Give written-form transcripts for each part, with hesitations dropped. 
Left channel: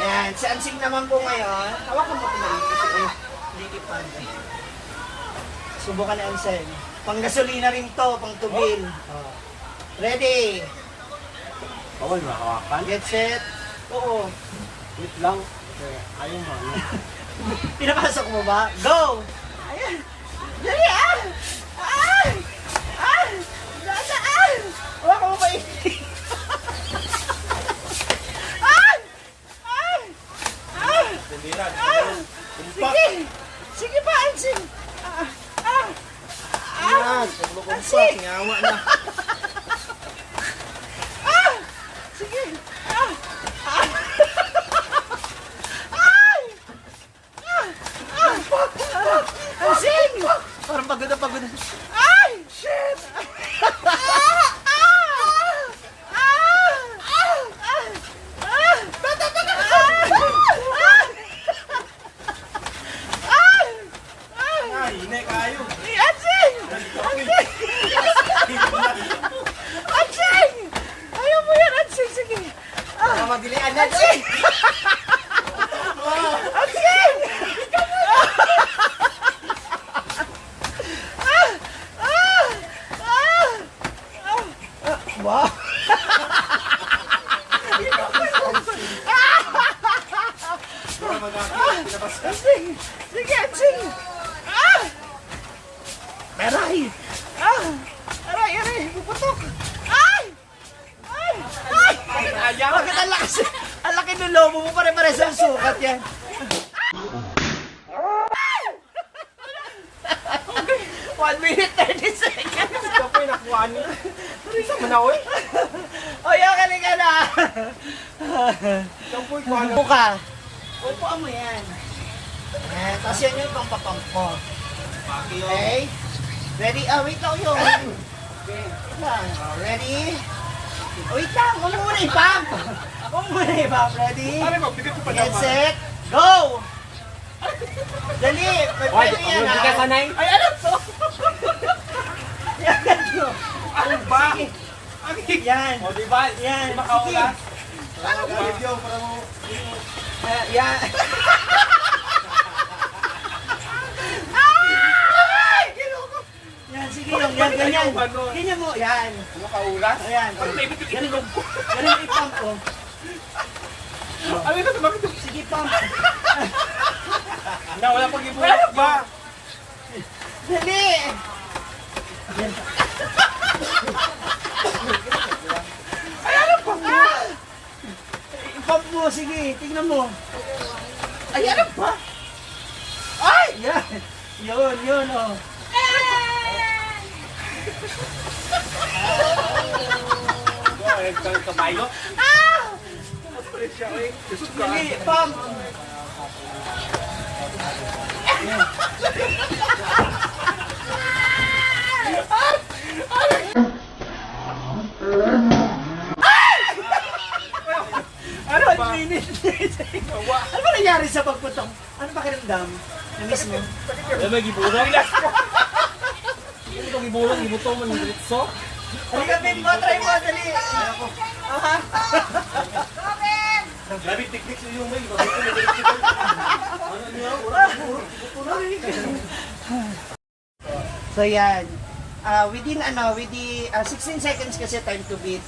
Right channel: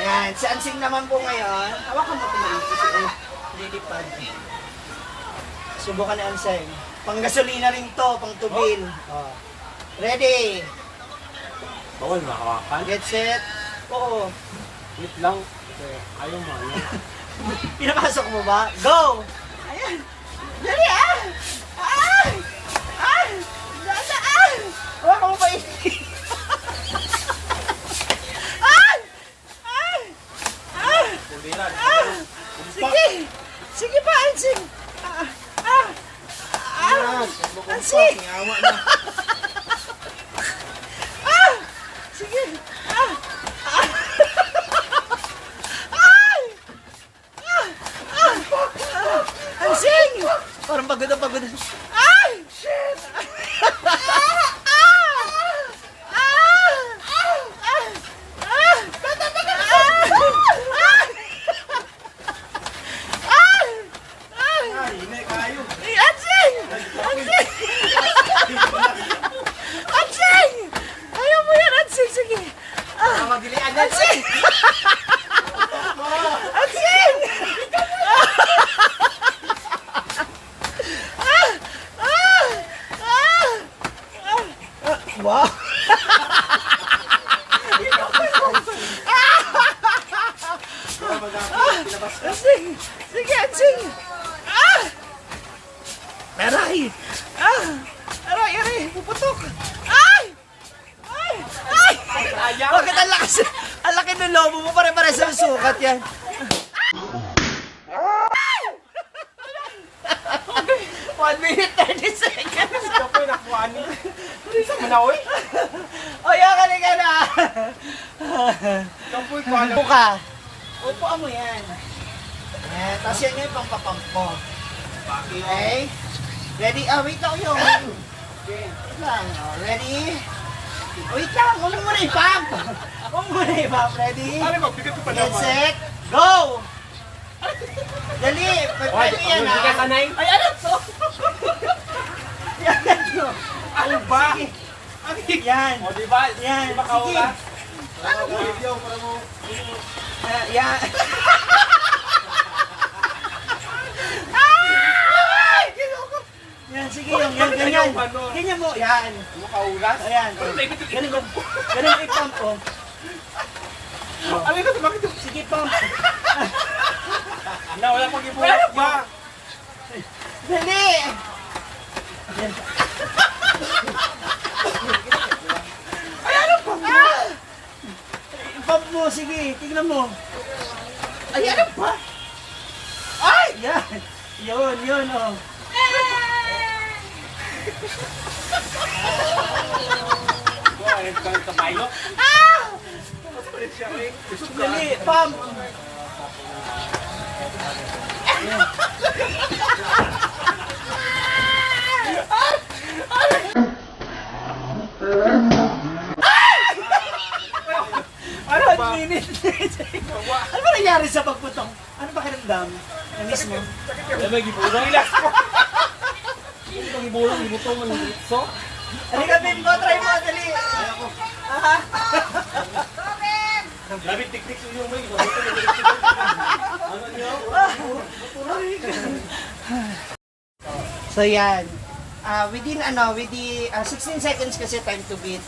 Ayan, si Ansing naman po ngayon. Hawakan mo ito na rin kasi lilipad. Subukan ni Ansing. Pang gasolina rin to, pang tubil. Oh. Ready? Bawal makawakan. Get set. Oo. Wait lang. Ayaw mo, ayaw. Pinapasok mo ba? Go! Ayan. Dali ah! Ay! Ay! Dadaan! Hawakan mo ba yun? Ay! Ay! Ay! Puliran. Ah! Sige! Sige pa, Ansing! Ayan. Ansing! Singawa na. Sige! Ay! Ansing! Parang pagod na pagod. Ay! Shit! Ay, hindi kayo. Ansing! Ansing! Ansing! Ayaw mo yan, Ansing! Sige! Madilian na. Ansing! Ansing! Wow! Ansing! Sige, Ansing! Aray! Aray, aray! Puputok! Ay! Ay! Ay! Ayaw. Bakit ang lakas? Ang laki ng lobo mo, pare-pare sa sukat yan. Okay, 1 minute 30 seconds. Ito po yung nakuhaan niyo. Isa mo na, oy. O, yakali ka na. Ito po yung kuhaan. Upo ka. Upuan mo yan. Ayan, tapos yan yung pampapamp mo. Okay? Ready? Wait lang yun. Wait lang. Ready? Wait lang, huwag mo muna ipump. Huwag mo muna ipump. Ready? Ano ba? Bigat ko pa Get naman. set, go! Dali, pwede yan ha. Bigat ka na eh. Ay, ano to? Yan to. Ano ba? Yan. O, diba? Yan. Sige. Nakaulas. Yan. Ay! Ginoko. Yan, sige yung yan, ganyan. Ganyan mo, yan. Nakaulas? Ayan. Ganun, ganun ipump ko. Ano ito? Bakit ito? Sige, pump. Wala pang ibu. Ano ba? Dali! Yan. Ay, ano ba? Ipump mo, sige. Tignan mo. Ay, ano ba? Ay! Yan. Yun, yun, oh. Ay, kabayo. Kapalit siya eh. Kusog ka. Dali, pump. Ano ba? 1 minute. Ano ba nangyari sa pagputok? Ano ba kiramdam? Na-miss mo? Ay, may gibulang. Relax ko. Ano itong gibulang? Gibuto mo ng gritso? Halika, baby ko. Try mo. Dali. Aha. Labi tik-tik sa iyo, may. So yan. Within 16 seconds kasi time to beat.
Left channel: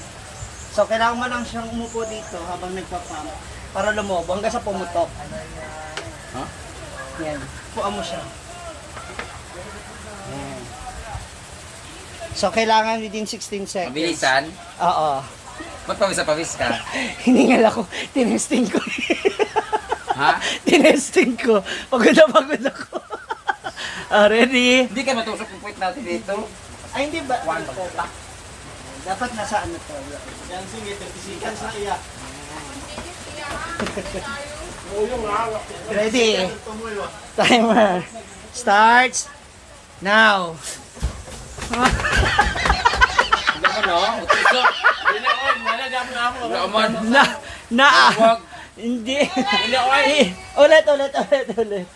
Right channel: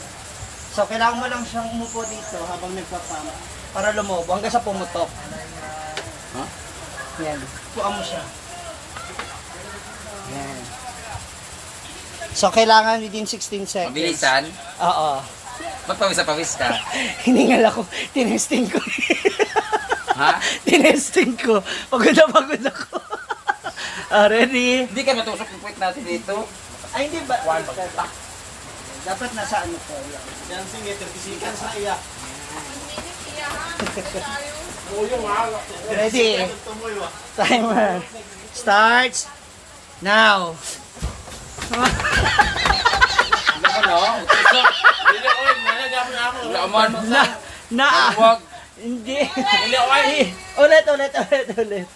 So kailangan mo lang siyang umupo dito habang nagpa-pump para lumobo hanggang sa pumutok. Ha? Yan. Puan mo siya. Yan. So kailangan within 16 seconds. Mabilisan? Oo. Ba't pawis ka? Hiningal ako. Tinesting ko. Ha? Tinesting ko. Pagod na pagod ako. Ready? Hindi ka matusok yung point natin dito. Ay, hindi ba? Dapat nasa ano to. Yan, sige, 30 seconds na iya. Ready? Timer. Starts now. Hindi mo no? Utusok. Wala man. Na. Huwag. Hindi. Ulit.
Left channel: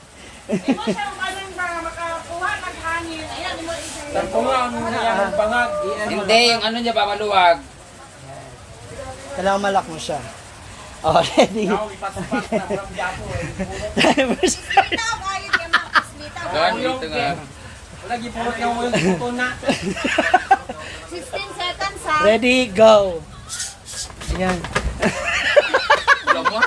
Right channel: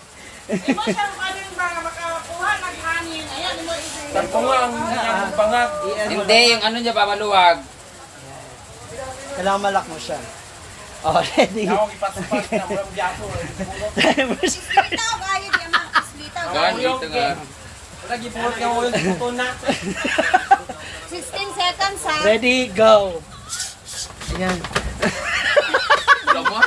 Sampo nga ang pangat. Hindi, yung ano niya ba maluwag. Kailangan malak mo siya. Oh, ready. Ako, ipasok na. Walang diyapo eh. Timer start. Litaw kayo di mga kaslitaw. Gaan, dito nga. Wala, gipot nga mo yung buto na. 16 seconds ha. Ready, go. Ayan. Wala mo?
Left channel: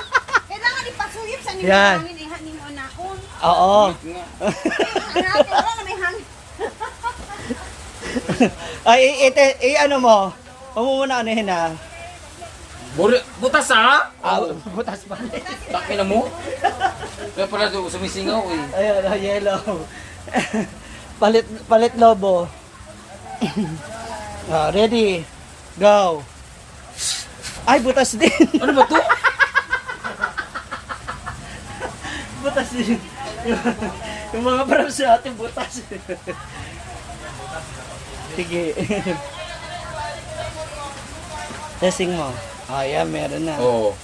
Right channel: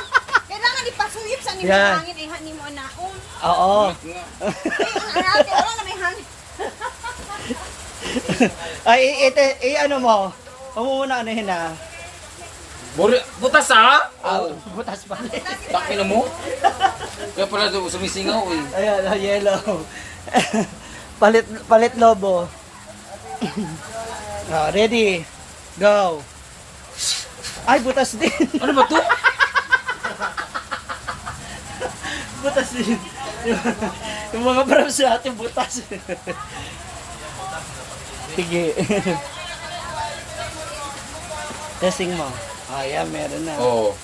Kailangan ipasuyip sa Yan. nimo hangin eh hangin mo anakon. Oo. Nga. Ang natin wala na may hangin. Ay, ano mo? Huwag mo muna ano yun ah. Butas ha? Butas pa. Taki na mo? Kaya pala doon sumisingaw eh. Ayan, yellow. Palit lobo. Ready, go. Ay, butas din. Ano ba to? Butas din. Yung mga parang sa ating butas. Sige. Testing mo. Oh, yeah, meron na. Oo.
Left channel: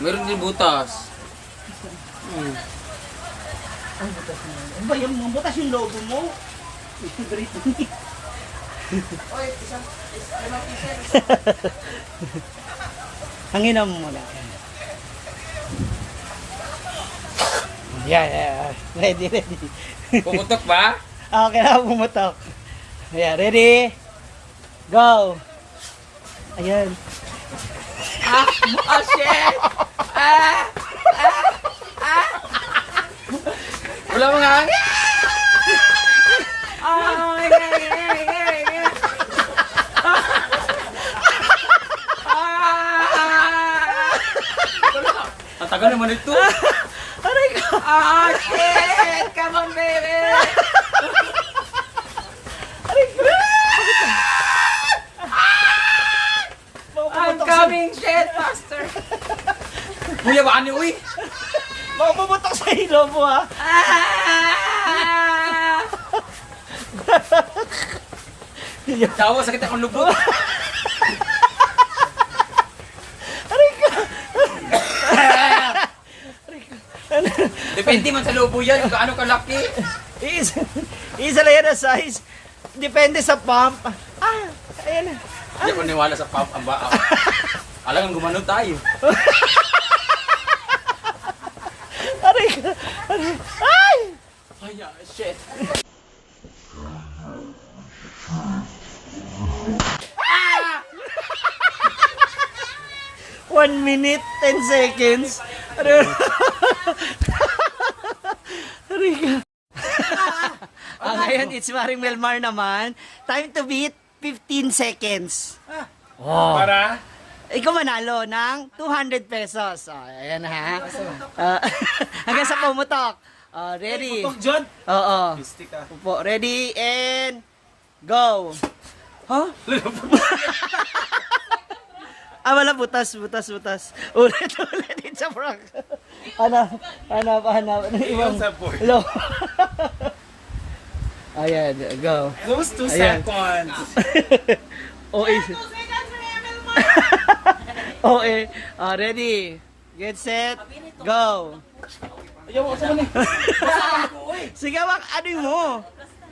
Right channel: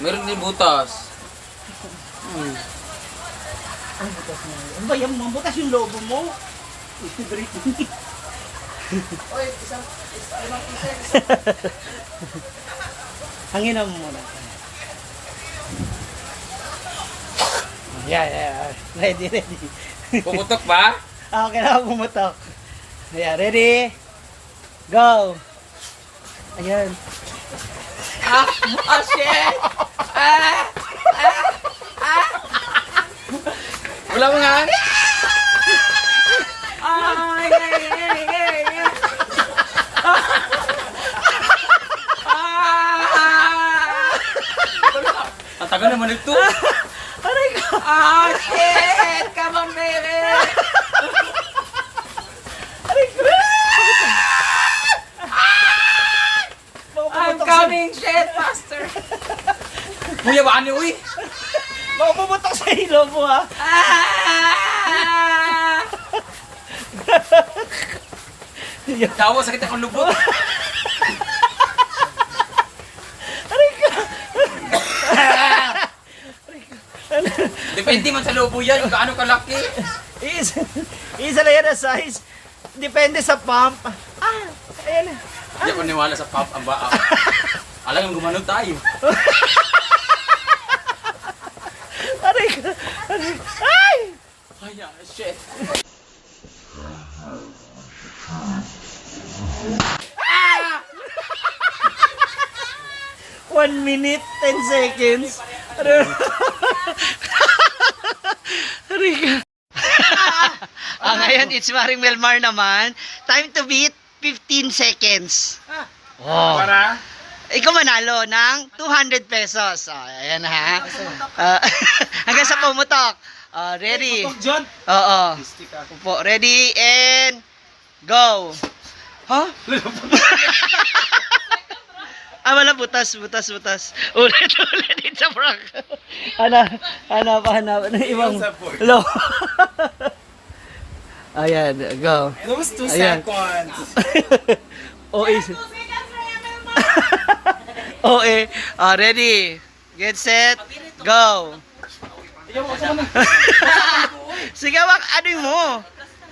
Meron din butas. Ay, butas na. Ano ba yung mga butas yung lobo mo? Hanginan mo muna. Yeah. Ready. Pumutok ba? Kailangan pumutok. Yeah, ready? Go! Ayan. Oh shit! Wala mga hangin! Ang tagal naman ito! Aray ko! Oh shit! Come on baby! I'm coming! Shit! Faster! Kuya ba ani uy? Mapuputok sa ilo mo ha! Tawa sakit akong lubot. Depende man sa lobo yan, kung gaano kalaki. Isa lang yan ang size. Depende sa pump. Ayan. Hindi ako niwala sa pump ang baa. Alam nga gumano tayo. Aray ko! Ay! Ay, shit. 1 minute, 10 seconds. Aray ka. Ngayon, it's Maring Melmar naman. Time to beat, 15 seconds. Oh. Para? Ikaw manalo ng 200 pesos. Ayan ha. Hanggang sa pumutok. Ready? Putok, John. Oo. Stick ako. Upo. Ready and go. Huh? Wala, butas. Ulit. It's a prank. Hanap. Ibang, hello. Ayan, go. Those 2 Ayan. seconds. Okay. Okay. Ready. Get set. Go. Sige, ano mo?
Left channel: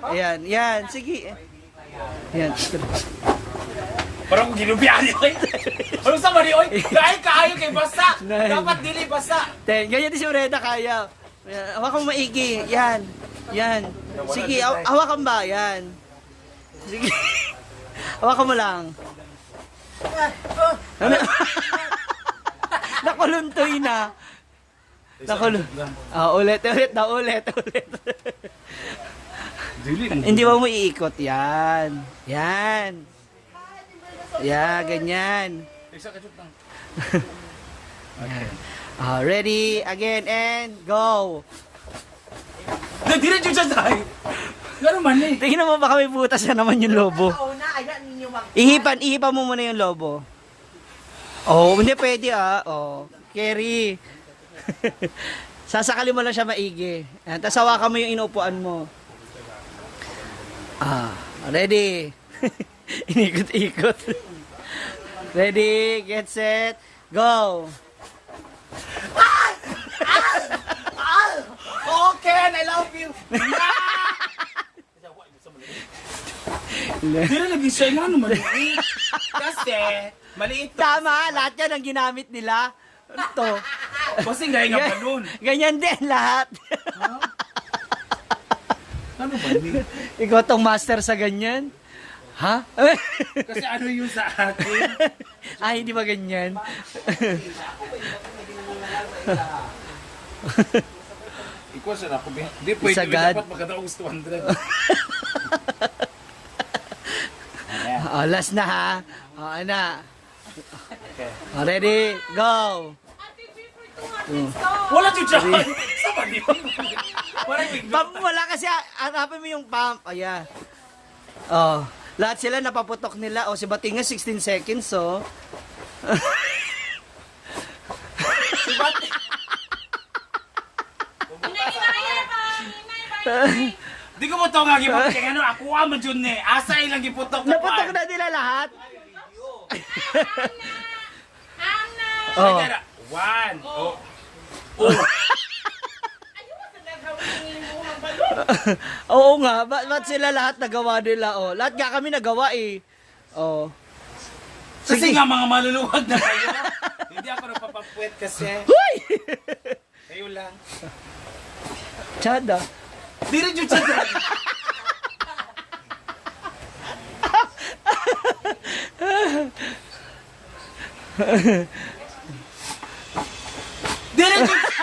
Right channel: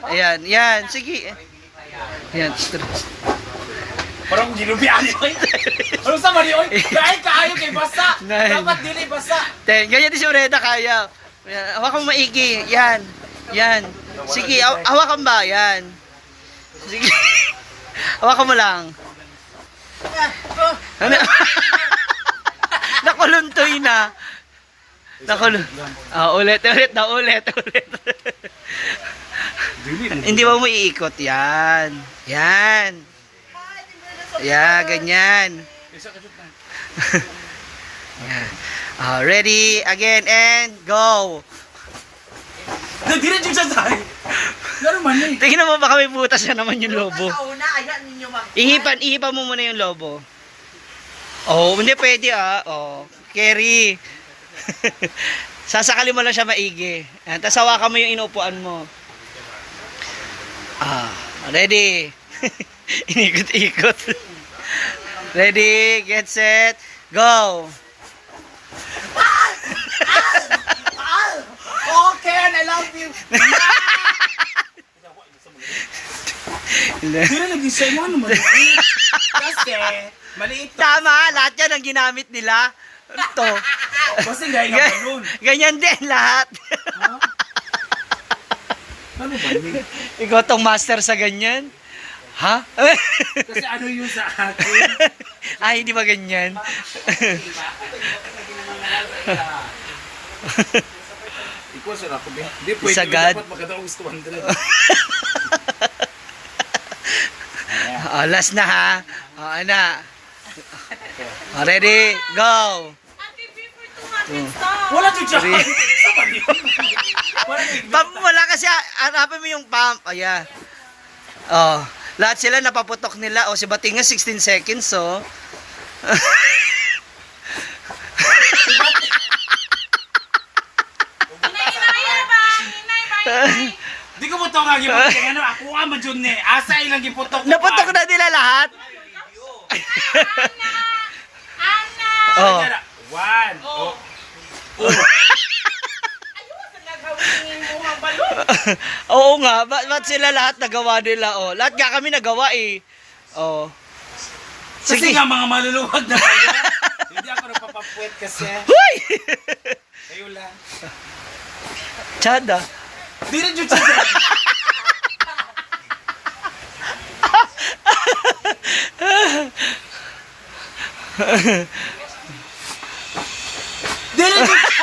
Ayan, yan. Sige. Ayan. Parang ginubihan yun. Ano sa mali, oy? Kahit kaayo kay basa. Nine. Dapat dili basa. Ganyan din si Ureda kaya. Hawakan mo maigi. Yan. Sige, hawakan ba? Yan. Sige. Hawakan mo lang. Ano? Nakuluntoy na. Ulit. Hindi mo iikot. Yan. Yeah, ganyan. Yan. Ready, again, and go. Diretso siya tayo. Ano man eh. Tingnan mo baka may butas na naman yung lobo. Ihipan mo muna yung lobo. Oh, hindi pwede carry. Sasakali mo lang siya maigi. Tapos hawakan mo yung inuupuan mo. Ready. Inikot-ikot. Ready, get set, go. Okay, I love you. Hindi na nag-isa mo ano man. Kasi, maliit to. Tama, lahat yan ang ginamit nila. Ito. Kasi gaya ng balloon. Ganyan din lahat. Ano ba yun? Ikaw tong master sa ganyan? Ha? Kasi ano yun sa akin? Ay, hindi ba ganyan? Ikaw sa ako. Hindi pwede. Sagad. Dapat magkataong gusto 100. Oh, last na ha. Oh, ana. Oh, ready? Go! Wala to dyan. Saan ba yun? Wala Pump wala kasi, hanapin mo yung pump. Ayan. Oh, lahat sila napaputok nila. Oh, si Batinga 16 seconds, oh. Di ko mo ito nga giputok. Ano, ako ang madyon eh. Asa ilang giputok. Naputok na nila lahat. Oh. Oh. 1. Oh. Oo nga, ba't sila lahat nagawa nila? Oh, lahat nga kami nagawa eh. Oh. Kasi nga mga maluluwag na kayo. Hindi ako nagpapapuwet kasi. Hoy! Kayo lang. Chada. Di rin yung children. Di rin yung